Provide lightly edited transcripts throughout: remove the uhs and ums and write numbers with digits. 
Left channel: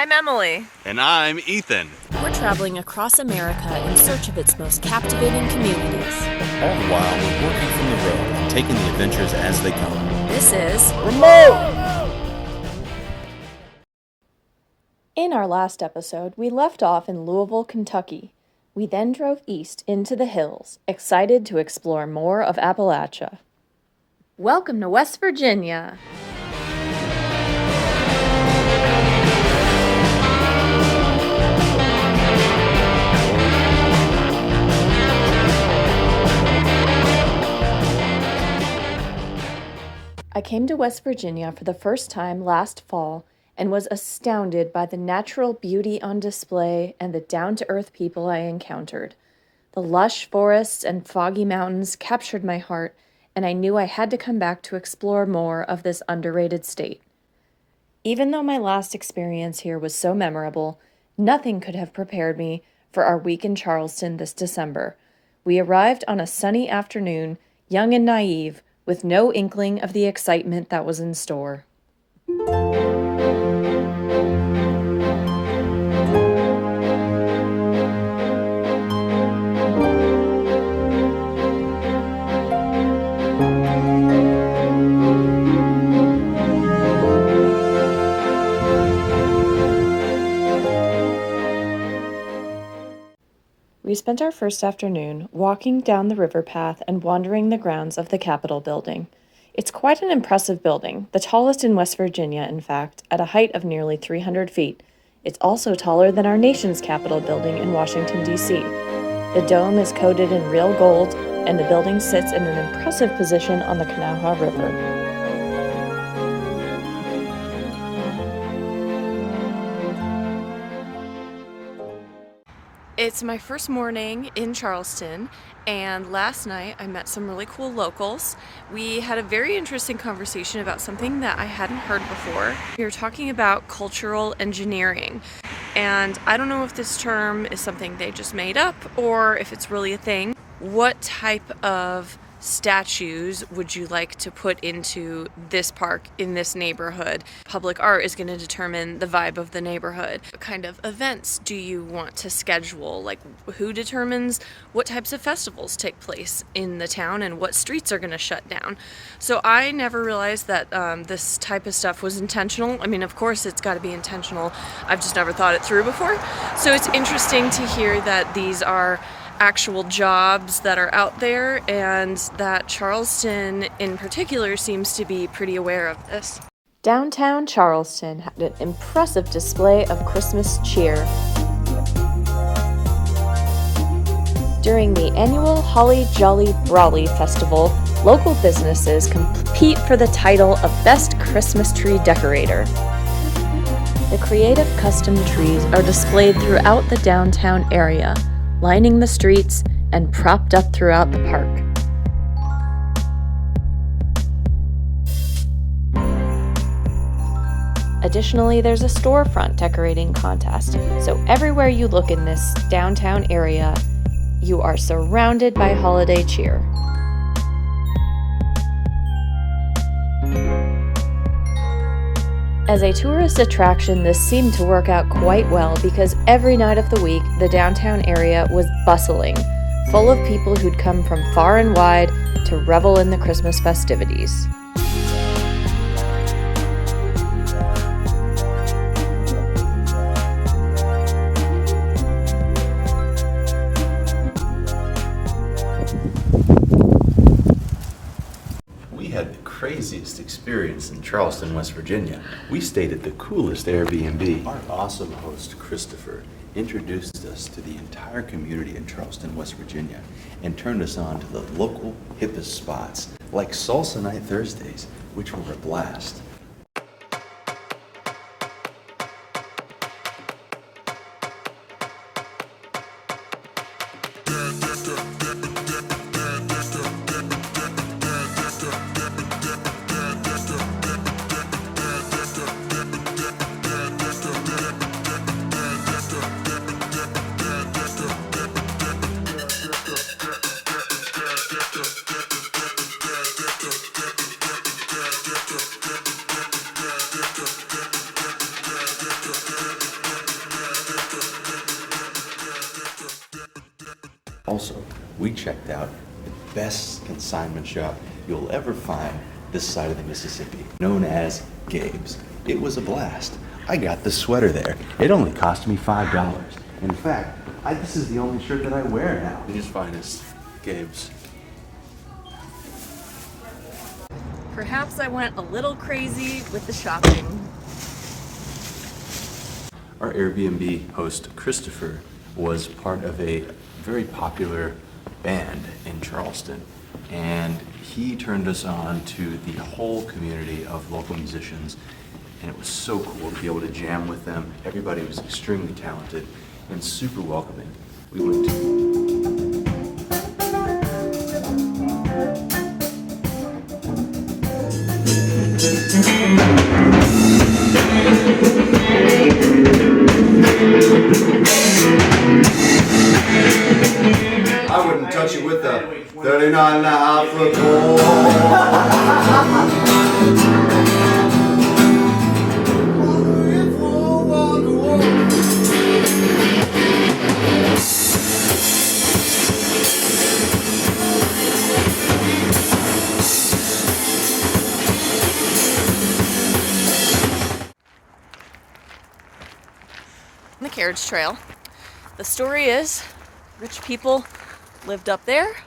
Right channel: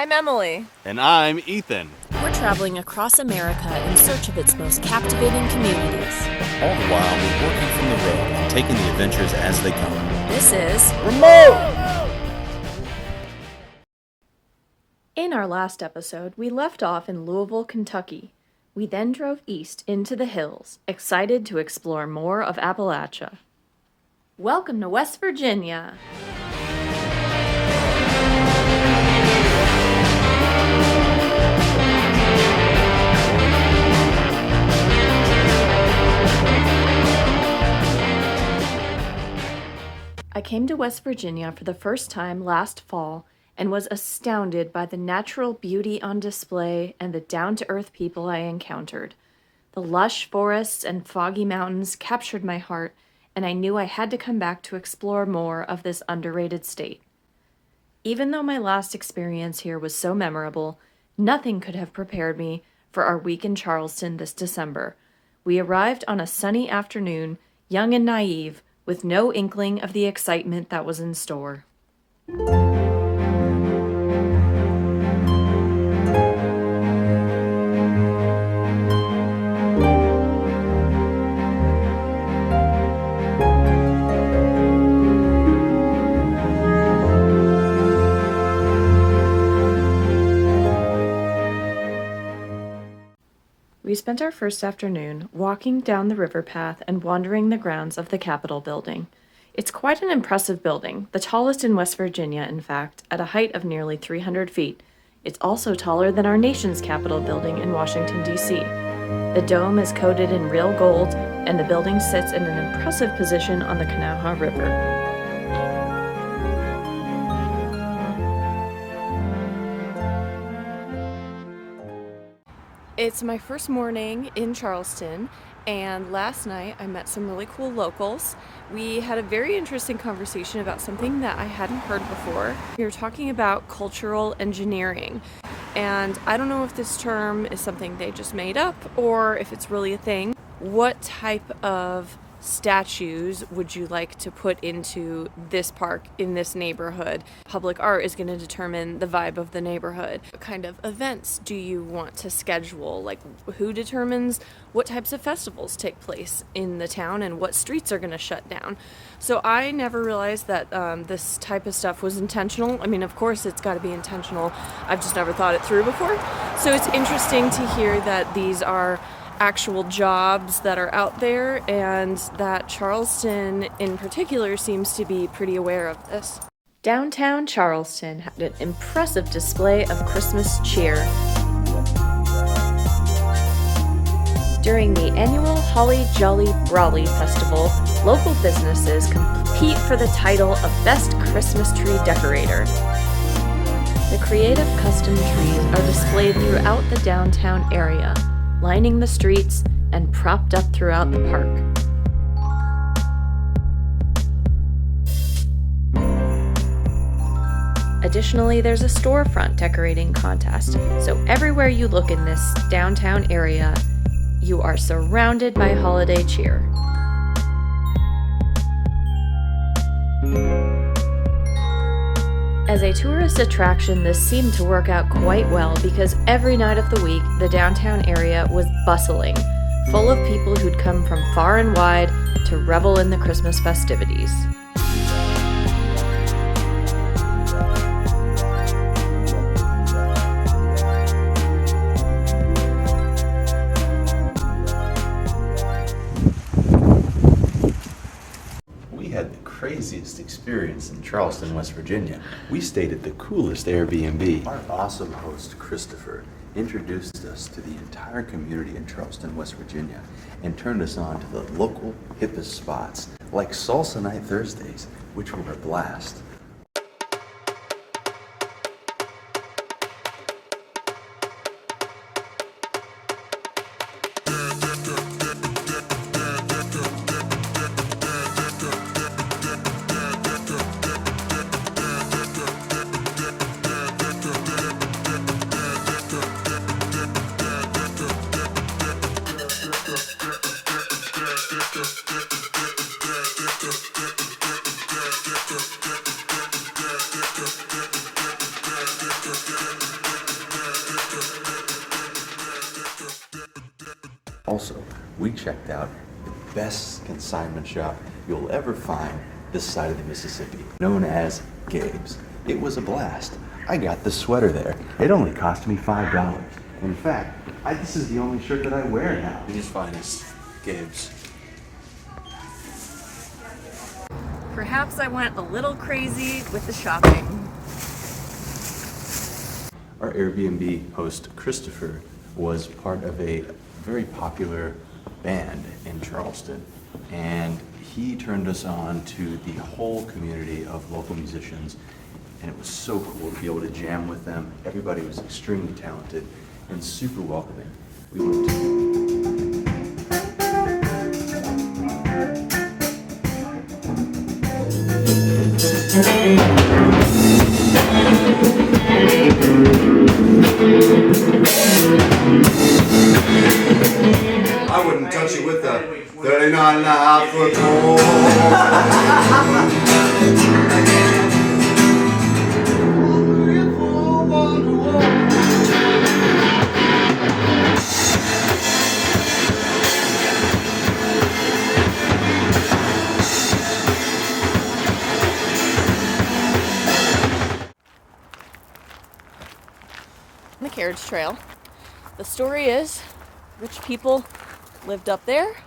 I'm Emily. And I'm Ethan. We're traveling across America in search of its most captivating communities. All the while, we're working from the road and taking the adventures as they come. This is Remote! In our last episode, we left off in Louisville, Kentucky. We then drove east into the hills, excited to explore more of Appalachia. Welcome to West Virginia! I came to West Virginia for the first time last fall and was astounded by the natural beauty on display and the down-to-earth people I encountered. The lush forests and foggy mountains captured my heart, and I knew I had to come back to explore more of this underrated state. Even though my last experience here was so memorable, nothing could have prepared me for our week in Charleston this December. We arrived on a sunny afternoon, young and naive, with no inkling of the excitement that was in store. We spent our first afternoon walking down the river path and wandering the grounds of the Capitol building. It's quite an impressive building, the tallest in West Virginia, in fact, at a height of nearly 300 feet. It's also taller than our nation's Capitol building in Washington, D.C. The dome is coated in real gold, and the building sits in an impressive position on the Kanawha River. It's my first morning in Charleston, and last night I met some really cool locals. We had a very interesting conversation about something that I hadn't heard before. We were talking about cultural engineering, and I don't know if this term is something they just made up or if it's really a thing. What type of statues would you like to put into this park in this neighborhood? Public art is going to determine the vibe of the neighborhood. What kind of events do you want to schedule? Like, who determines what types of festivals take place in the town and what streets are going to shut down? So I never realized that this type of stuff was intentional. I mean, of course it's got to be intentional. I've just never thought it through before. So it's interesting to hear that these are actual jobs that are out there, and that Charleston in particular seems to be pretty aware of this. Downtown Charleston had an impressive display of Christmas cheer. During the annual Holly Jolly Brawley Festival, local businesses compete for the title of Best Christmas Tree Decorator. The creative custom trees are displayed throughout the downtown area, lining the streets and propped up throughout the park. Additionally, there's a storefront decorating contest, so everywhere you look in this downtown area, you are surrounded by holiday cheer. As a tourist attraction, this seemed to work out quite well because every night of the week, the downtown area was bustling, full of people who'd come from far and wide to revel in the Christmas festivities. Craziest experience in Charleston, West Virginia. We stayed at the coolest Airbnb. Our awesome host, Christopher, introduced us to the entire community in Charleston, West Virginia, and turned us on to the local hippest spots, like Salsa Night Thursdays, which were a blast. Also, we checked out the best consignment shop you'll ever find this side of the Mississippi, known as Gabe's. It was a blast. I got the sweater there. It only cost me $5. In fact, this is the only shirt that I wear now. It is finest, Gabe's. Perhaps I went a little crazy with the shopping. Our Airbnb host, Christopher, was part of a very popular band in Charleston, and he turned us on to the whole community of local musicians, and it was so cool to be able to jam with them. Everybody was extremely talented and super welcoming. We went to I wouldn't touch it with a 39 and a half foot pole. The carriage trail. The story is, rich people lived up there,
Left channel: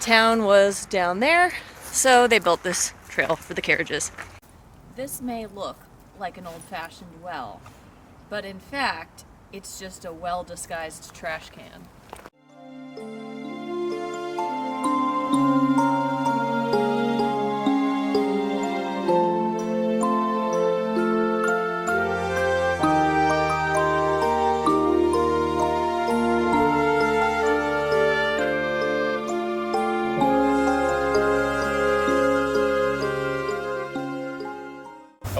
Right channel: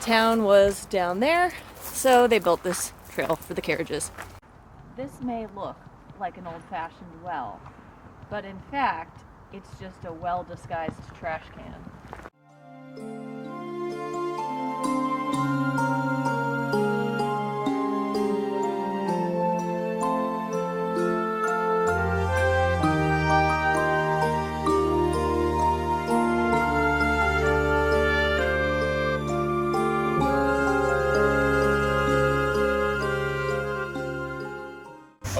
town was down there, so they built this trail for the carriages. This may look like an old-fashioned well, but in fact, it's just a well-disguised trash can.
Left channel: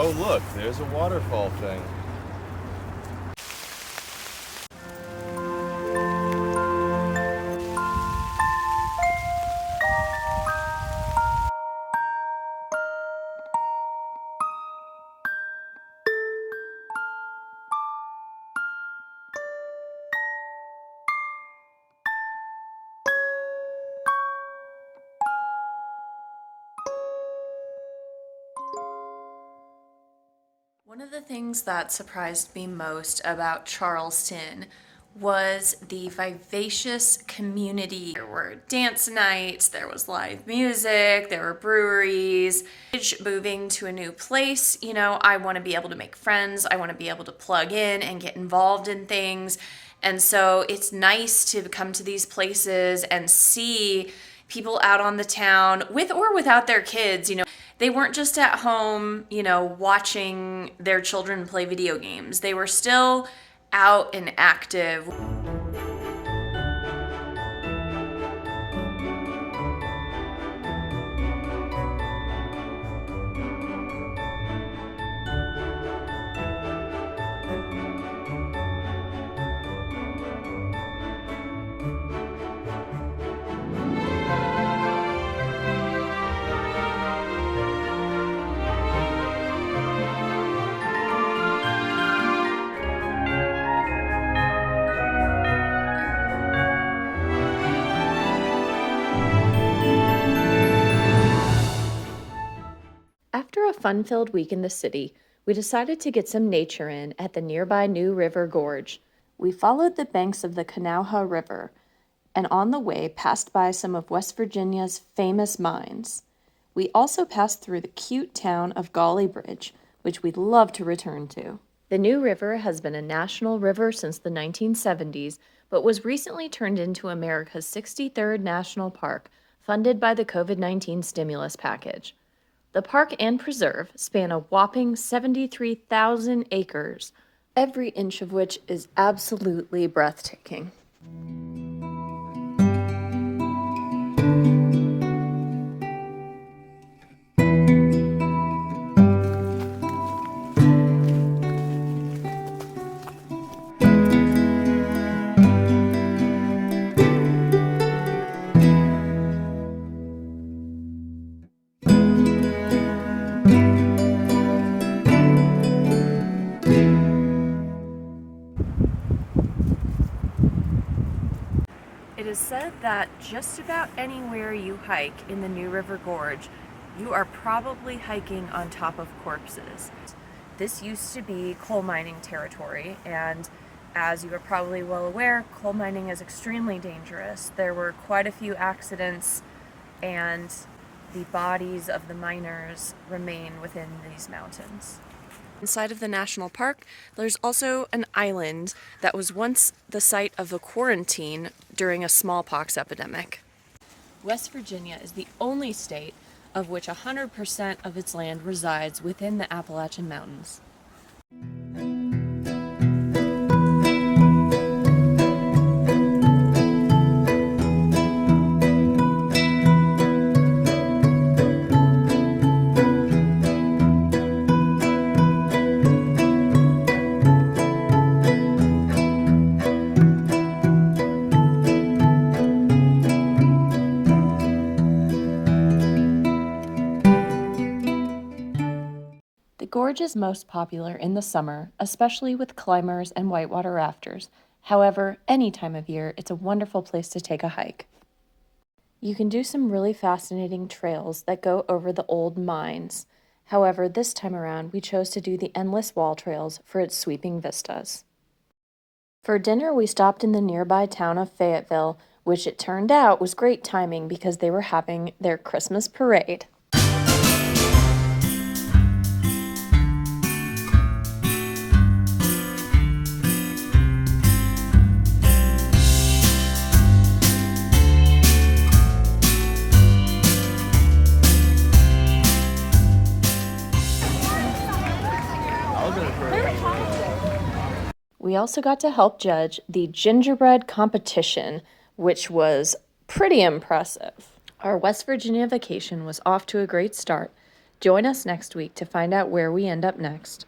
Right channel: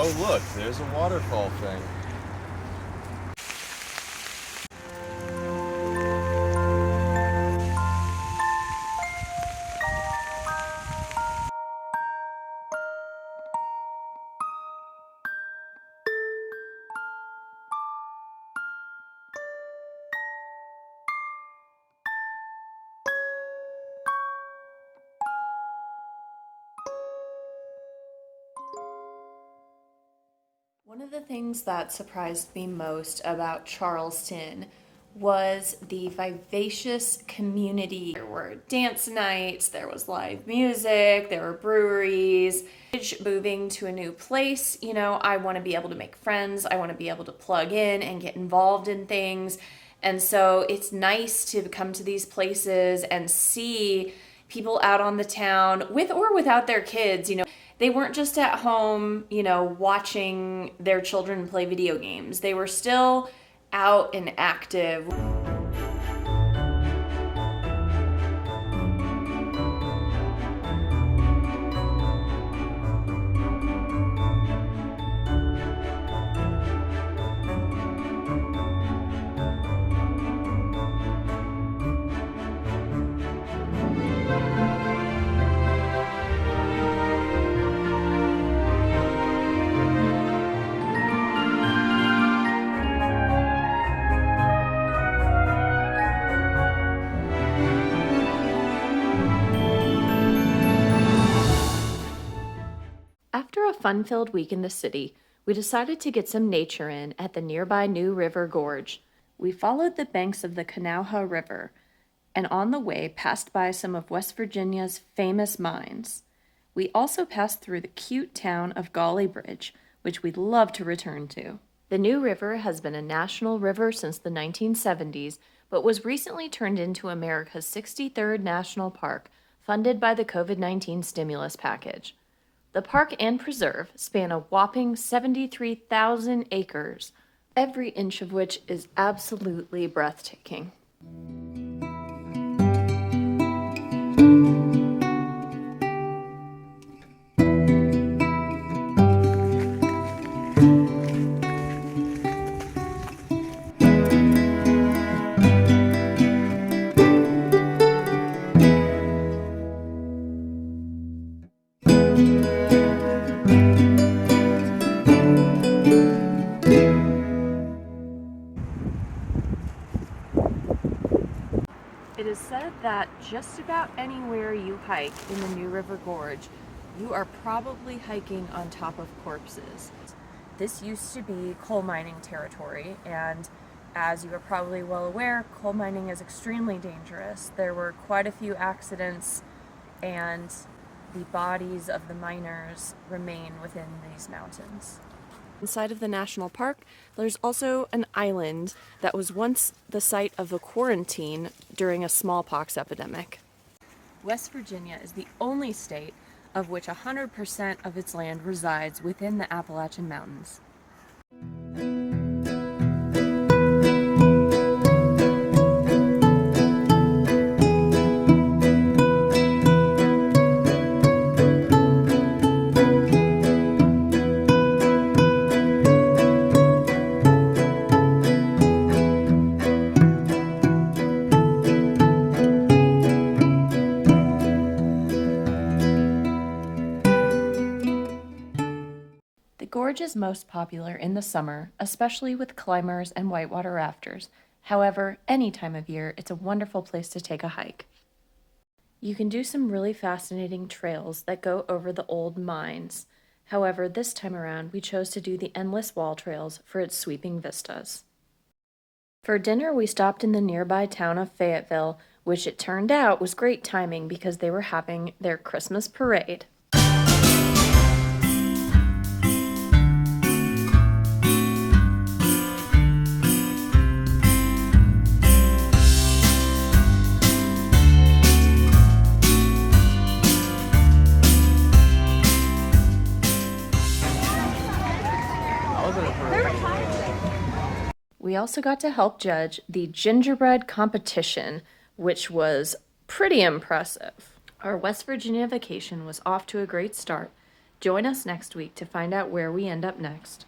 Oh, look, there's a waterfall thing. One of the things that surprised me most about Charleston was the vivacious community. There were dance nights, there was live music, there were breweries. Moving to a new place, I want to be able to make friends, I want to be able to plug in and get involved in things. And so it's nice to come to these places and see people out on the town with or without their kids, They weren't just at home, watching their children play video games. They were still out and active. After a fun-filled week in the city, we decided to get some nature in at the nearby New River Gorge. We followed the banks of the Kanawha River, and on the way passed by some of West Virginia's famous mines. We also passed through the cute town of Gauley Bridge, which we'd love to return to. The New River has been a national river since the 1970s, but was recently turned into America's 63rd national park, funded by the COVID-19 stimulus package. The park and preserve span a whopping 73,000 acres, every inch of which is absolutely breathtaking. is said that just about anywhere you hike in the New River Gorge, you are probably hiking on top of corpses. This used to be coal mining territory, and as you are probably well aware, coal mining is extremely dangerous. There were quite a few accidents, and the bodies of the miners remain within these mountains. Inside of the national park, there's also an island that was once the site of a quarantine during a smallpox epidemic. West Virginia is the only state of which 100% of its land resides within the Appalachian Mountains. The gorge is most popular in the summer, especially with climbers and whitewater rafters. However, any time of year, it's a wonderful place to take a hike. You can do some really fascinating trails that go over the old mines. However, this time around, we chose to do the Endless Wall Trails for its sweeping vistas. For dinner, we stopped in the nearby town of Fayetteville, which it turned out was great timing because they were having their Christmas parade. We also got to help judge the gingerbread competition, which was pretty impressive. Our West Virginia vacation was off to a great start. Join us next week to find out where we end up next.